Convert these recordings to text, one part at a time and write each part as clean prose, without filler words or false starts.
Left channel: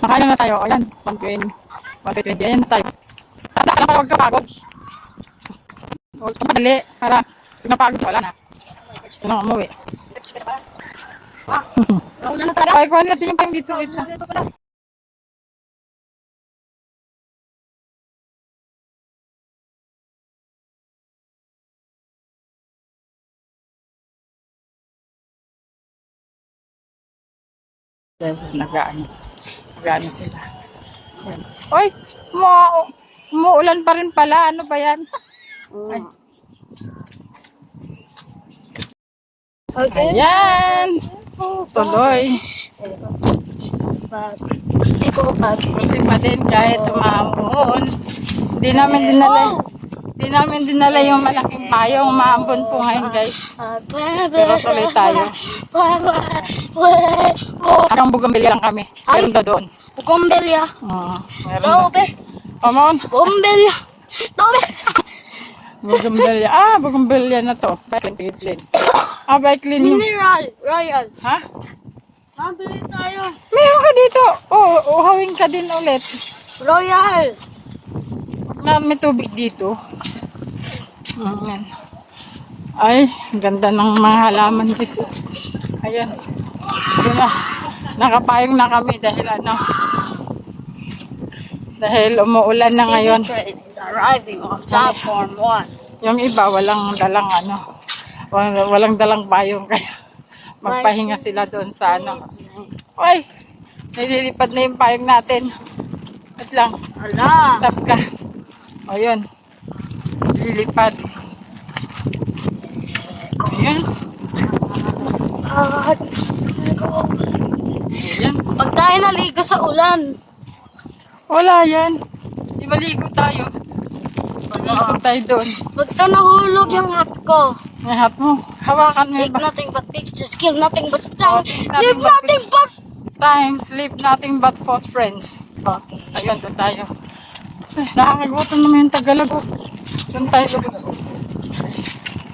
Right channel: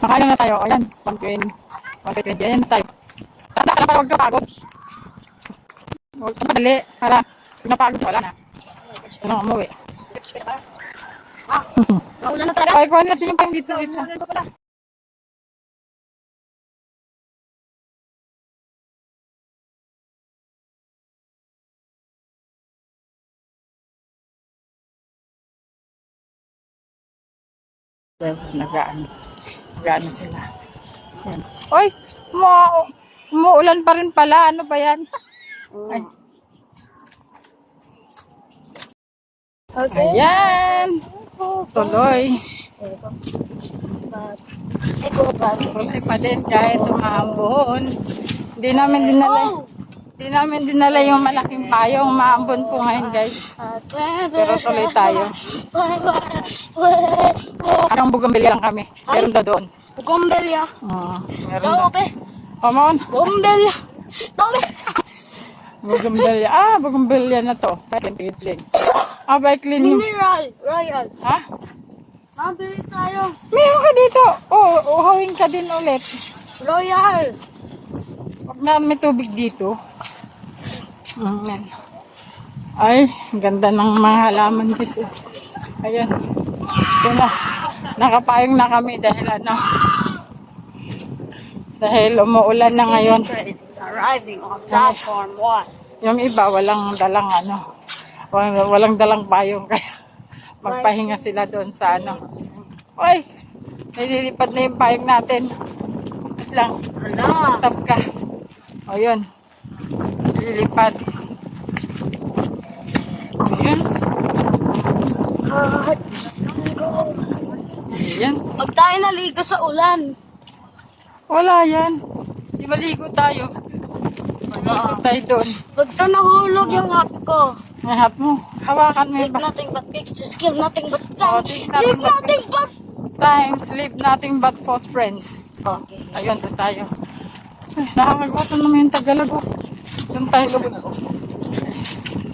Makain na tayo. Ayan, 120. 120. Ayan na tayo. Tanda ka lang para huwag ka pagod. Huwag ka madali. Para pag napagod, wala na. Ano nga umuwi. Ay, kuhan natin yung pang dito. Nag-ano sila. Ayan. Oy, umuulan pa rin pala. Ano ba yan? Ay. Ayan. Tuloy. Tuloy pa din kahit umambon. Hindi namin dinala yung malaking payong. Umambon po ngayon, guys. Pero tuloy tayo. Parang bugambilya lang kami. Meron daw doon. Bugambilya. Meron daw. Come on. Bugambilya. Bugambilya. Bugambilya na to. Baiklin. Baiklin yung... Mineral. Royal. Ha? Mabili tayo. Meron ka dito. Uhawin ka din ulit. Royal. Pag na may tubig dito. Ayan. Ay, ganda ng mga halaman guys. Ayan. Ito na. Nakapayong na kami dahil dahil umuulan na ngayon. Arriving on platform 1. Yung iba walang dalang payong kaya magpahinga sila doon sa Ay, nililipad na yung payong natin. Wait lang. Stop ka. O yun. Nililipad. Ayan. Ayan. Pag tayo naligo sa ulan. Wala yan. Di maligo tayo. Maligo tayo doon. Pagka nahulog yung hat ko. May hat mo. Hawakan mo Take ba? nothing but pictures. Kill nothing but time. Take Live nothing but nothing but... time. Sleep nothing but for friends. Ayun, doon tayo. Ay, nakakagutom naman yung Tagalog. Doon tayo.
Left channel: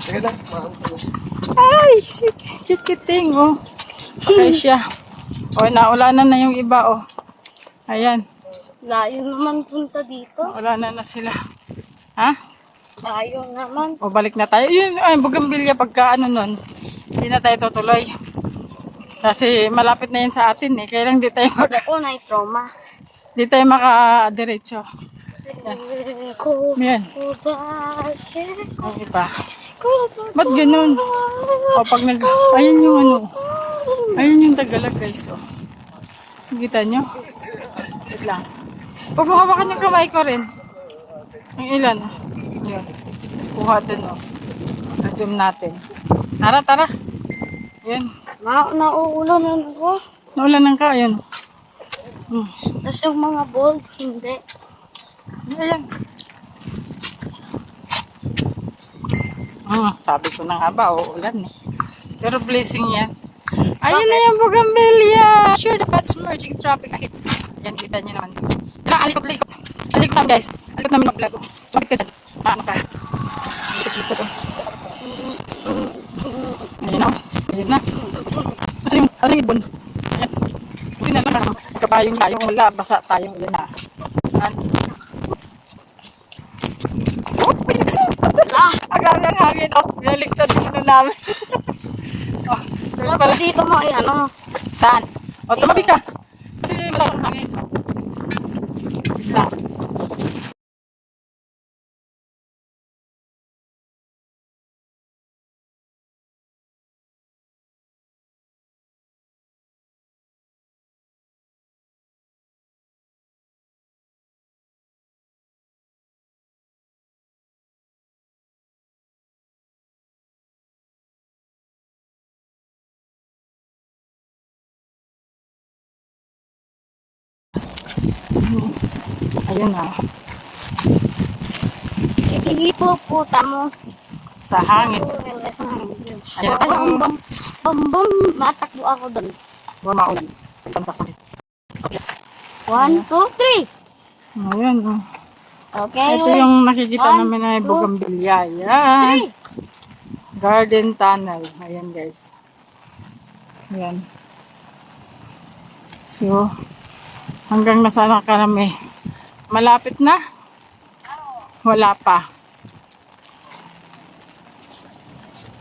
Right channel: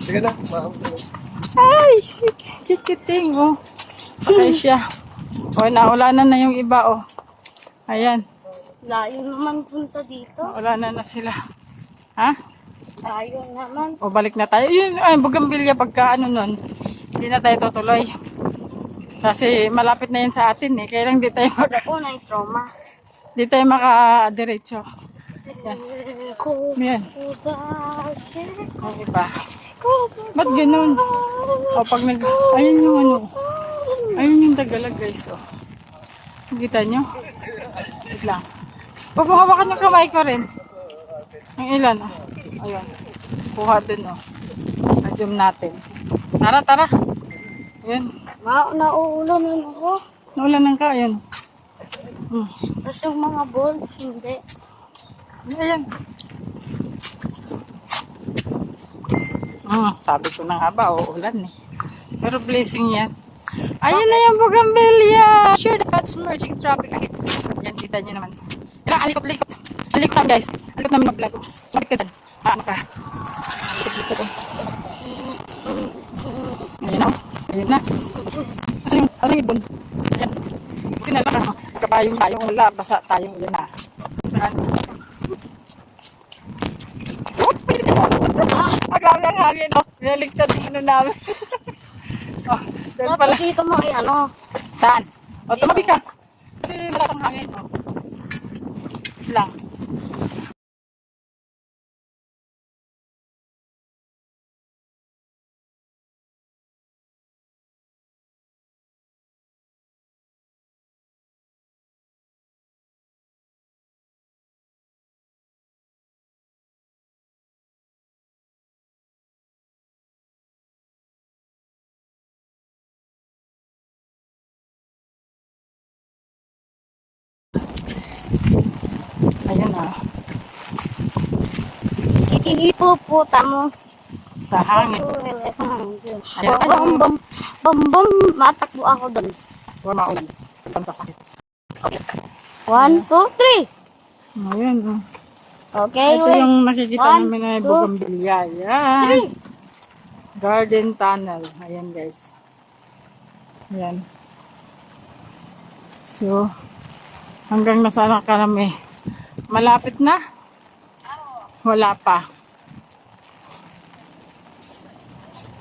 Sige na. Ay, chikiting, Sakay siya. Naulanan na yung iba, Ayan. Layo naman punta dito. Naulanan na sila. Ha? Layo naman. Balik na tayo. Yun, bugambilya pagka nun. Hindi na tayo tutuloy. Kasi malapit na yan sa atin, Kaya lang di tayo Ako na trauma. di tayo makadiretso. Yan. Yan. Ang iba. Ba't ganun? Pag ayun yung ayun yung Tagalog, guys, Kita nyo? Wait lang. Huwag mo hawakan yung kamay ko rin. Ang ilan, Ayun. Kuha dun, Na-zoom natin. Tara. Ayan. Nauulanan ako. Naulanan ka, ayan. Tapos yung mga bold, hindi. Ayan. Sabi ko na nga ba, uulan Pero blessing yan. Ayun na yung bugambilya. Sure that's merging traffic. Ayan, kita nyo naman. Alikot. Alikot namin, guys. Alikot namin mag-vlog. Alikot ka dyan. Ano ka? Alikot. Ayun na. Kasi yung alibon. Ayan. Buti na lang. Kabayong tayong wala. Basa tayong yun na. Saan? Grabe ang hangin. Naligtad namin. Pala dito mo, Saan? Tumabi ka. Kasi malaking hangin. Wait lang. Ayun Ipuputa mo. Sa hangin. Ayun. Bambam, matakbo ako doon. Huwag maulan. Sakit. 1, 2, 3. Ayun. Okay. Ito yung nakikita namin na bugambilya. Ayan. Garden tunnel. Ayan, guys. Ayan. So, Hanggang nasaan ka kami? Malapit na? Wala pa.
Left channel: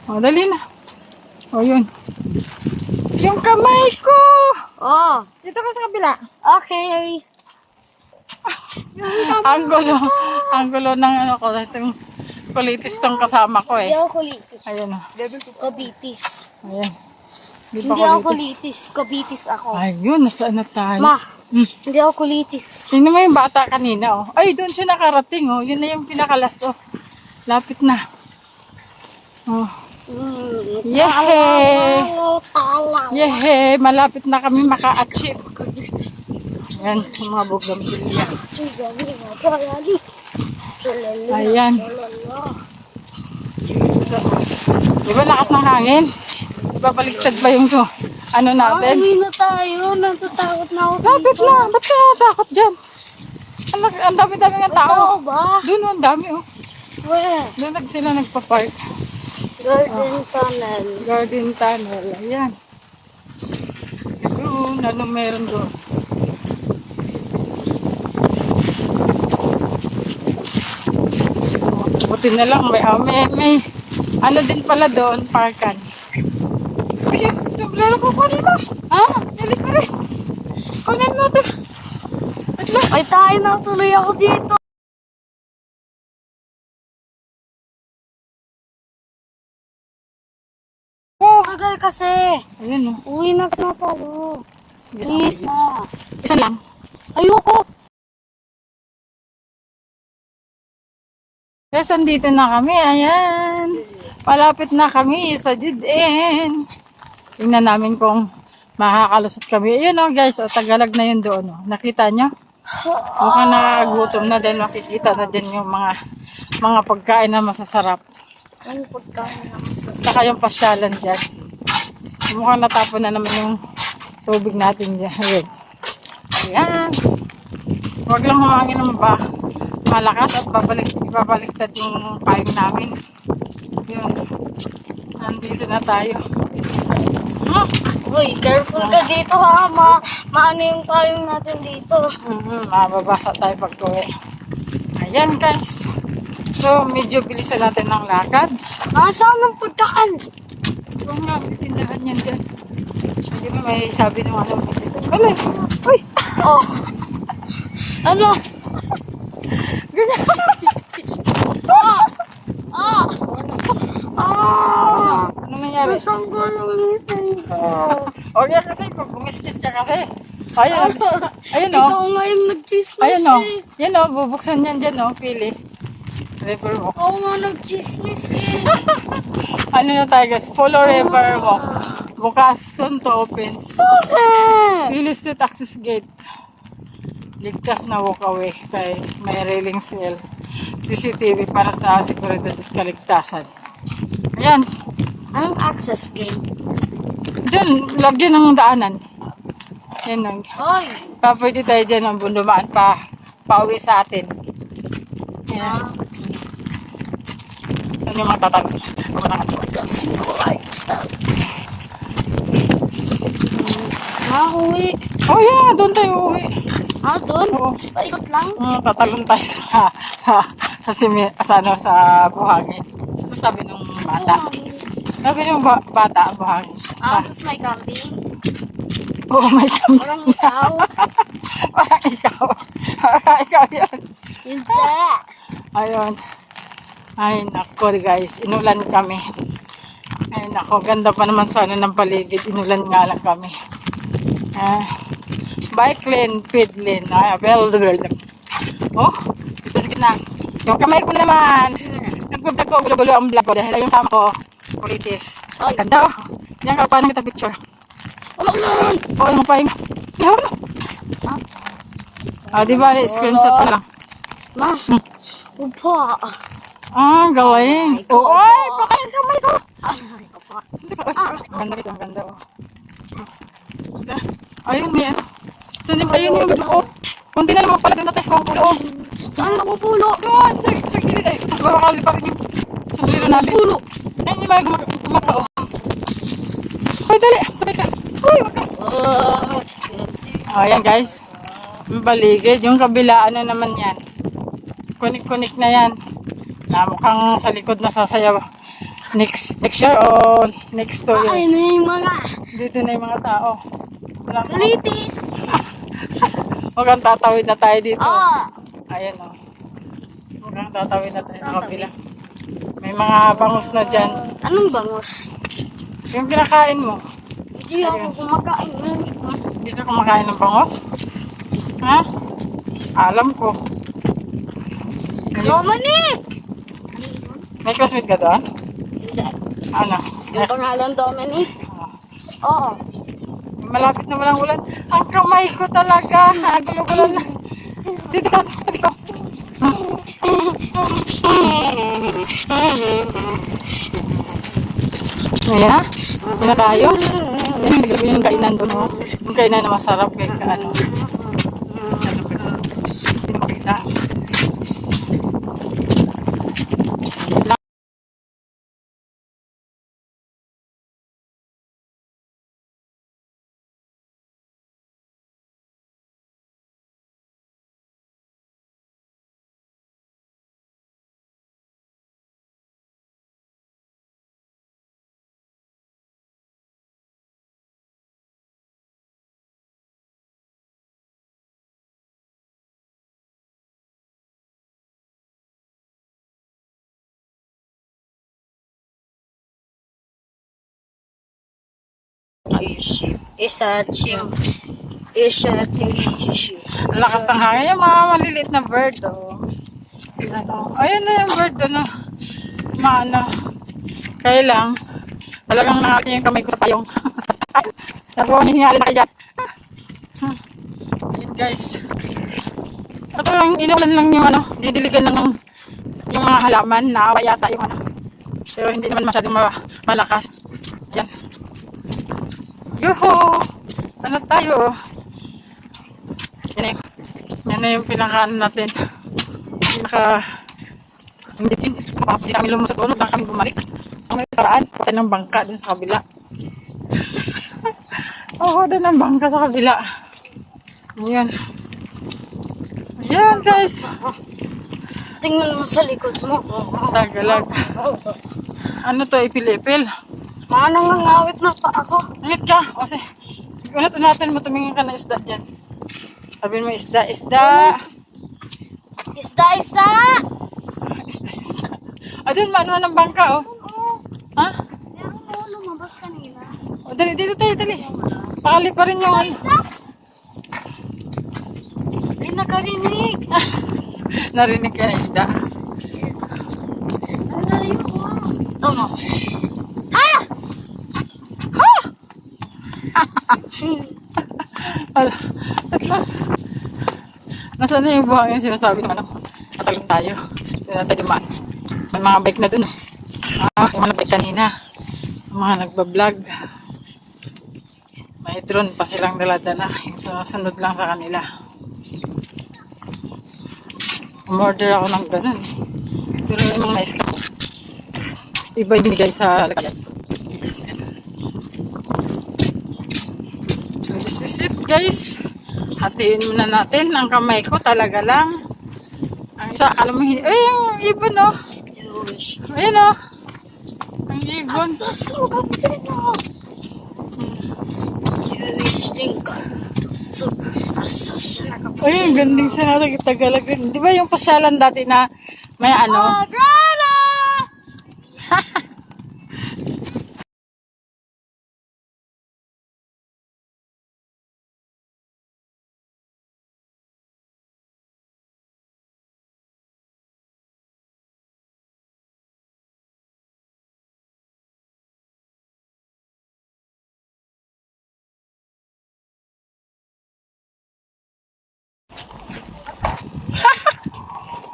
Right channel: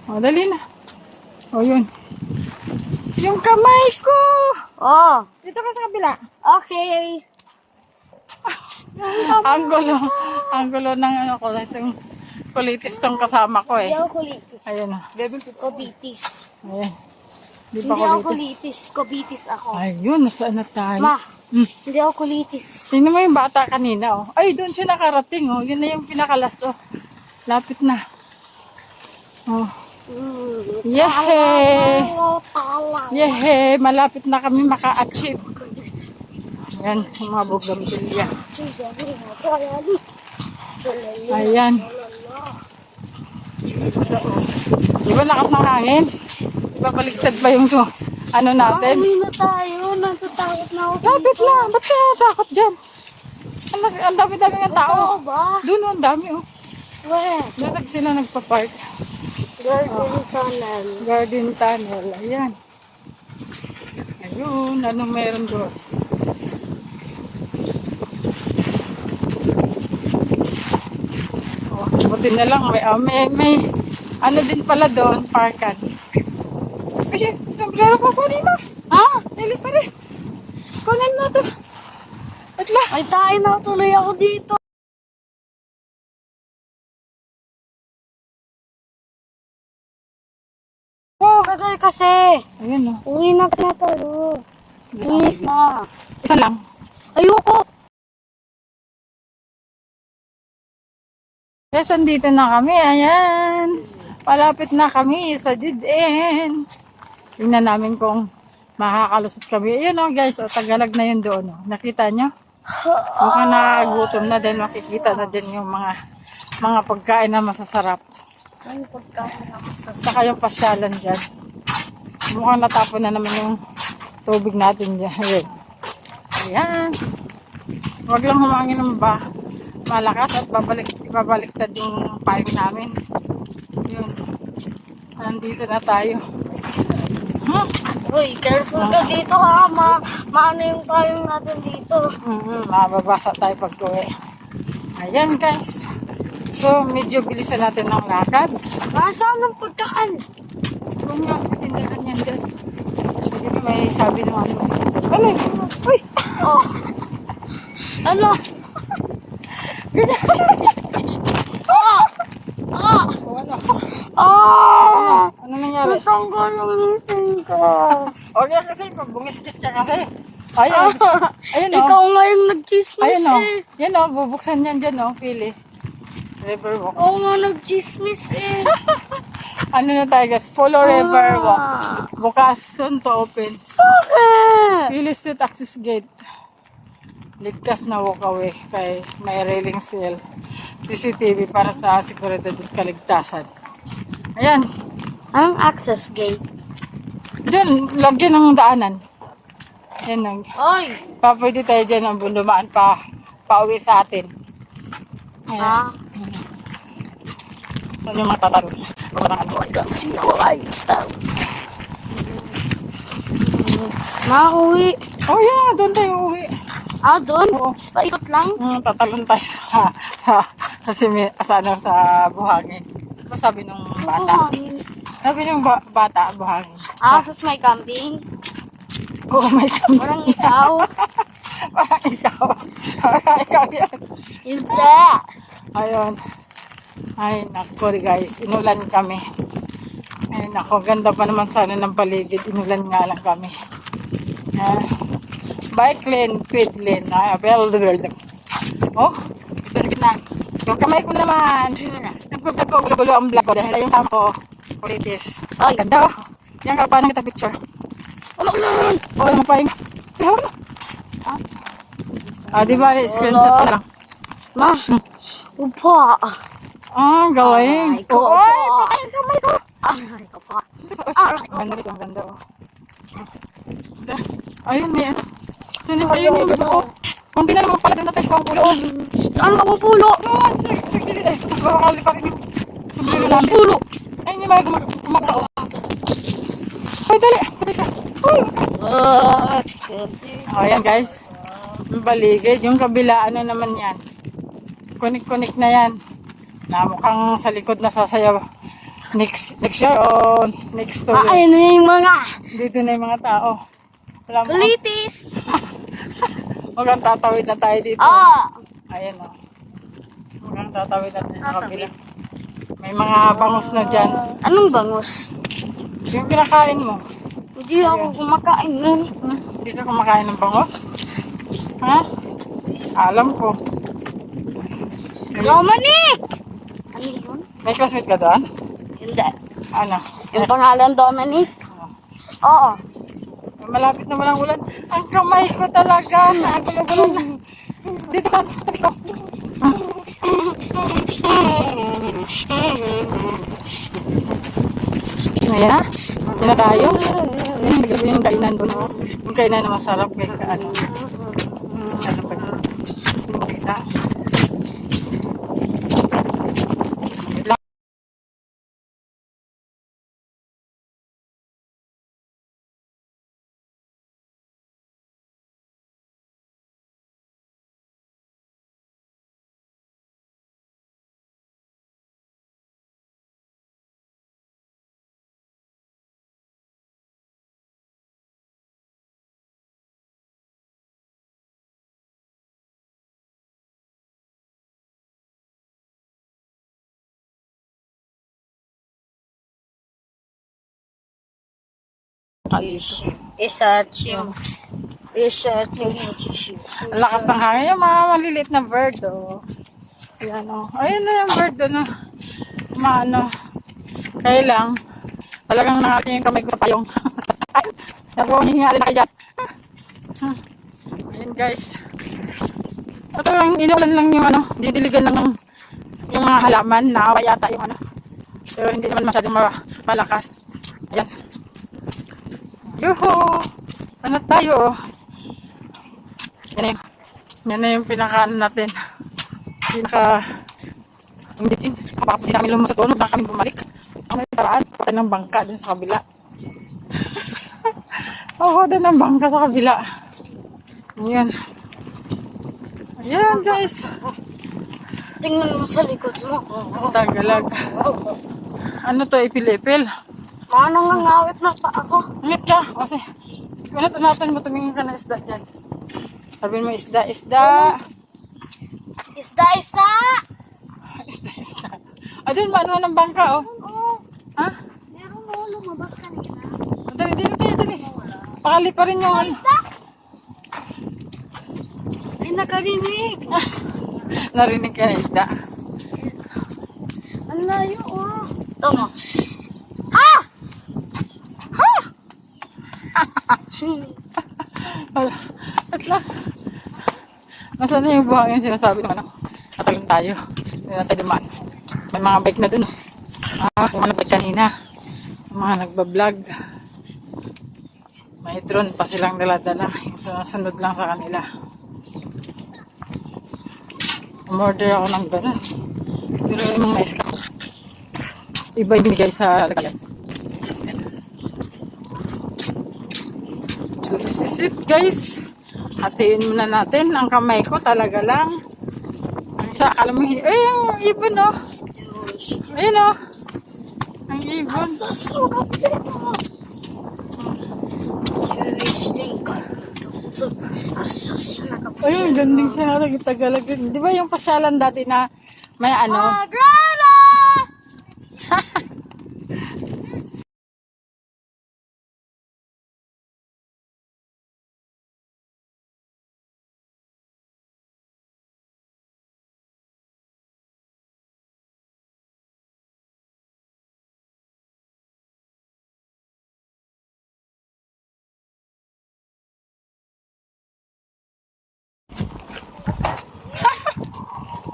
O, dali na. O, yun. Yung kamay ko! Oh, Dito ka sa kabila. okay. Ang gulo ng ano ko. Yung kulitis tong kasama ko Hindi eh. ako kulitis. Ayun o. Kobitis. Ayan. Di Hindi pa ako kulitis. kulitis. Kobitis ako. Ayun, nasaan na tayo? Ma, Hmm. hindi ako kulitis. Sino mo yung bata kanina oh? Ay, doon siya nakarating oh. Yun na yung pinakalas oh. Lapit na. Oh. Yehey! Yehey! Malapit na kami maka-achieve. Ayan, yung mga bougainvillea. Ayan. So, di ba lakas ng hangin? Di ba baligtad ba yung ano natin? Ano na tayo? Natatakot na ako. Lapit na. Ba't ka natakot dyan? Ang dami-dami ng tao. Tao ba? Doon ang dami oh. Where? Doon sila nagpa-park. Garden tunnel. Garden tunnel. Ayan. Ayun. Anong meron doon? Oh, buti na lang. May ano din pala doon. Parkan. Ay, sombrero ko. Kunin mo. Ha? Dali pa rin. Kunin mo to. At lang. Ay, tayo na tuloy ako dito. Oh. Tagal kasi. Ayun oh. Uwi na kasi tayo. Yes, Please okay. na. Isa lang. Ayoko. Yes, andito na kami. Ayan. Malapit na kami sa Jidin. Tingnan namin kung makakalusot kami. Ayun oh guys. O, Tagalag na yun doon. Oh. Nakita nyo? Mukhang nakagutom na din. Makikita na dyan yung mga pagkain na masasarap. Ano pagkain na sa Saka yung pasyalan dyan. Mukhang natapon na naman yung tubig natin dyan. Ayun. Ayan. Huwag lang humangin ng malakas at ibabaliktad yung payong namin. Yun. Nandito na tayo. Uy, careful ka dito ha. Maano yung payong natin dito. Mababasa tayo pag uwi. Ayan guys. So, medyo bilisan natin ng lakad. Nasaan ang pagkaan? Kung nga, tindahan yan dyan. Sabi ko, may sabi ng ano. Ano? Uy! Oh. Ano? Ano nangyari? Tanggal ang ngipin ko. Okay kasi, pag bungiskis ka kasi. Ayun. Ayun o. Ikaw ngayon nag-chismis Ayun o. eh. Yan o, bubuksan yan dyan o. Pili. River walk. Ikaw nga nag-chismis eh. Ano na tayo guys? Follow river walk. Bukas, soon to open. Bakit? Pili Street access gate. Ligtas na walk away. Kay may railing seal. CCTV para sa seguridad at kaligtasan. Ayan. Anong access gate? Diyan, lagyan ng daanan. Yan lang. Oy! Pwede tayo dyan ang bundumaan pauwi sa atin. Ayan. Ano yung mga tatalo? Nauwi. Oh yeah, doon tayo uwi. Ah, doon? Oo. Paikot lang? Tatalon tayo sa buhangin. Ano sabi nung bata? Sabi nung bata, buhangin. Ah, tapos may camping? Oo, may kami. Parang ikaw? Parang ikaw. Parang ikaw yan. Hindi. Ayun. Ay, nako guys. Inulan kami. Ay, nako. Ganda pa naman sana ng paligid. Inulan nga lang kami. Bike lane, pit lane. Oh, ito na. So, kamay ko naman. Nagpagkagulo-gulo ang vlog ko dahil yung tama ko. Politis. Ay, ganda oh. Yan, paano kita picture? Oh, yung pahinga. Di ba? Screenshot ko lang. Ma, upa. Galing. Ay, ko. Ay, patay ang kamay ko. Ay, ka pa. Ang ganda guys, ang ganda oh. Ayun, may ano. Ayun yung buko. Kung di na naman pala doon natin sa pulo. Saan ako pulo? Doon, sa gilid eh. Bakakali pa rin yung sombrero namin. Pulo. Ayun yung mga gumakao. Ay, dali. Sabay ka. Uy, ayan guys. Yung baligid, yung kabilaan na naman yan. Kunik-kunik na yan. Na mukhang sa likod na sasayaw. Next year o next 2 Ay, years. na yung mga Dito na yung mga tao. Wala mo. kulitis. Mukhang tatawid na tayo dito. Ah. Ayan o. Mukhang tatawid na tayo sa kabila. May mga bangus na dyan. Anong bangus? Yung kinakain mo. Hindi ako kumakain nun. Hindi ka kumakain ng bangus? Ha? Alam ko. Dominic! Ano yun? May classmate ka doon? Hindi. Ano? Yung pangalan Dominic? Oo. Malapit na walang ulan. Ang kamay ko talaga. Nagulo-gulo na. Dito ka. Dito ka. Ngayon na. Yan na tayo. Yung kainan doon. Oh. Yung kainan na masarap. Kaya ano. Ano ba yun? Hindi mo makita. Isa chim. Ang lakas ng hangin. Yung mga maliliit na bird. Oh. Ayan, oh. Ayan na yung bird. Ano. Maano. Kaya lang. Talagang nakakin yung kamay ko sa payong. Nagwawaningali na kayo dyan. Ayan guys. Ito lang. Inulan lang yung ano. Didiligan lang yung mga halaman. Naawa yata yung ano. Pero hindi naman masyadong malakas. Ayan. Yuhu! Ano tayo? Yan na yung pinakaano natin. Hindi kami lumusot ulo. Baka kami bumalik. Ang may paraan. Patay ng bangka dun sa kabila. Oo, dun ang bangka sa kabila. Ayan. Ayan guys. Tingnan mo sa likod mo. Tagalag. Ano to? Ipil-ipil. Mga nangangawit na pa ako. Ngit ka. Kasi kunat natin mo tumingin ka na isda dyan. Sabihin mo isda. Isda! Isda. Adun, maano ng bangka, oh. Ha? Meron mo lumabas kanina. Dali, dito tayo, dali. Pakali pa rin yung ano. Ay, nakarinig. Narinig ka na isda. Ang layo ko. Tama. At lang. Nasaan na yung buhangin sinasabi ng ano? Natalong tayo. Hindi na tayo dumaan. May mga bike na dun. Yung mga bike kanina. Yung mga nagbablog. May drone pa silang dala-dala. Yung sunod lang sa kanila. Umorder ako ng ganun. Pero yung mga nais ko. Iba yung binigay sa lagayan. So this is it guys. Hatiin muna natin. Ang kamay ko talaga lang. Ang isa, alam mo, ay yung ibon oh. Ayun oh. Ang ibon. Ayun, ganding siya natin. Tagalag. Di ba yung pasyalan dati na may ano?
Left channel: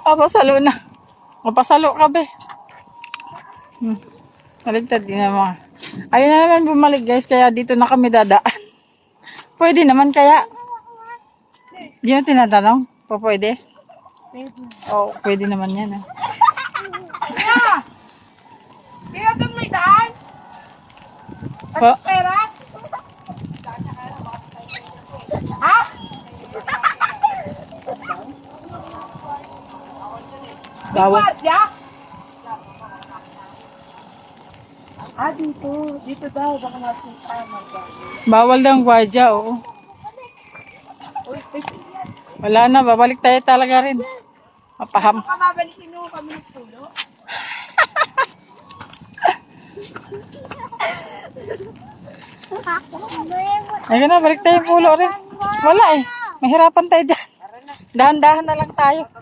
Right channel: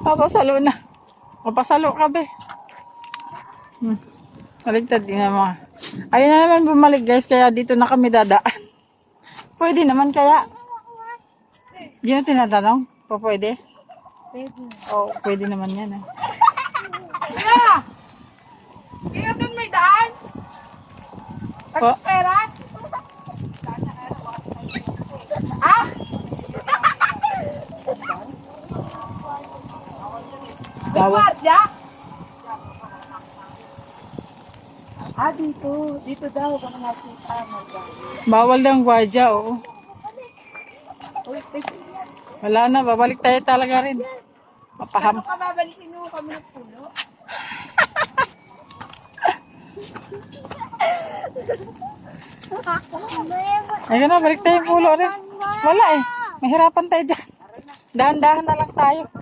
Papasalo na. Mapasalo ka be. Maligtad din naman. Ayun na naman bumalik guys. Kaya dito na kami dadaan. Pwede naman kaya. Di mo tinatanong? Pwede? Pwede. Oo, pwede naman yan. Eh. Kaya doon may daan? Pa- Pera? Ha? Bawal. Guardia? Dito. Dito daw. Baka makita. Bawal daw ang gwardiya, oo. Wala na, babalik tayo talaga rin. Mapaham. Kababalikin nyo kami ng puno. Ayun na, balik tayo yung pulo rin. Wala eh. Mahirapan tayo dyan. Dahan-dahan na lang tayo.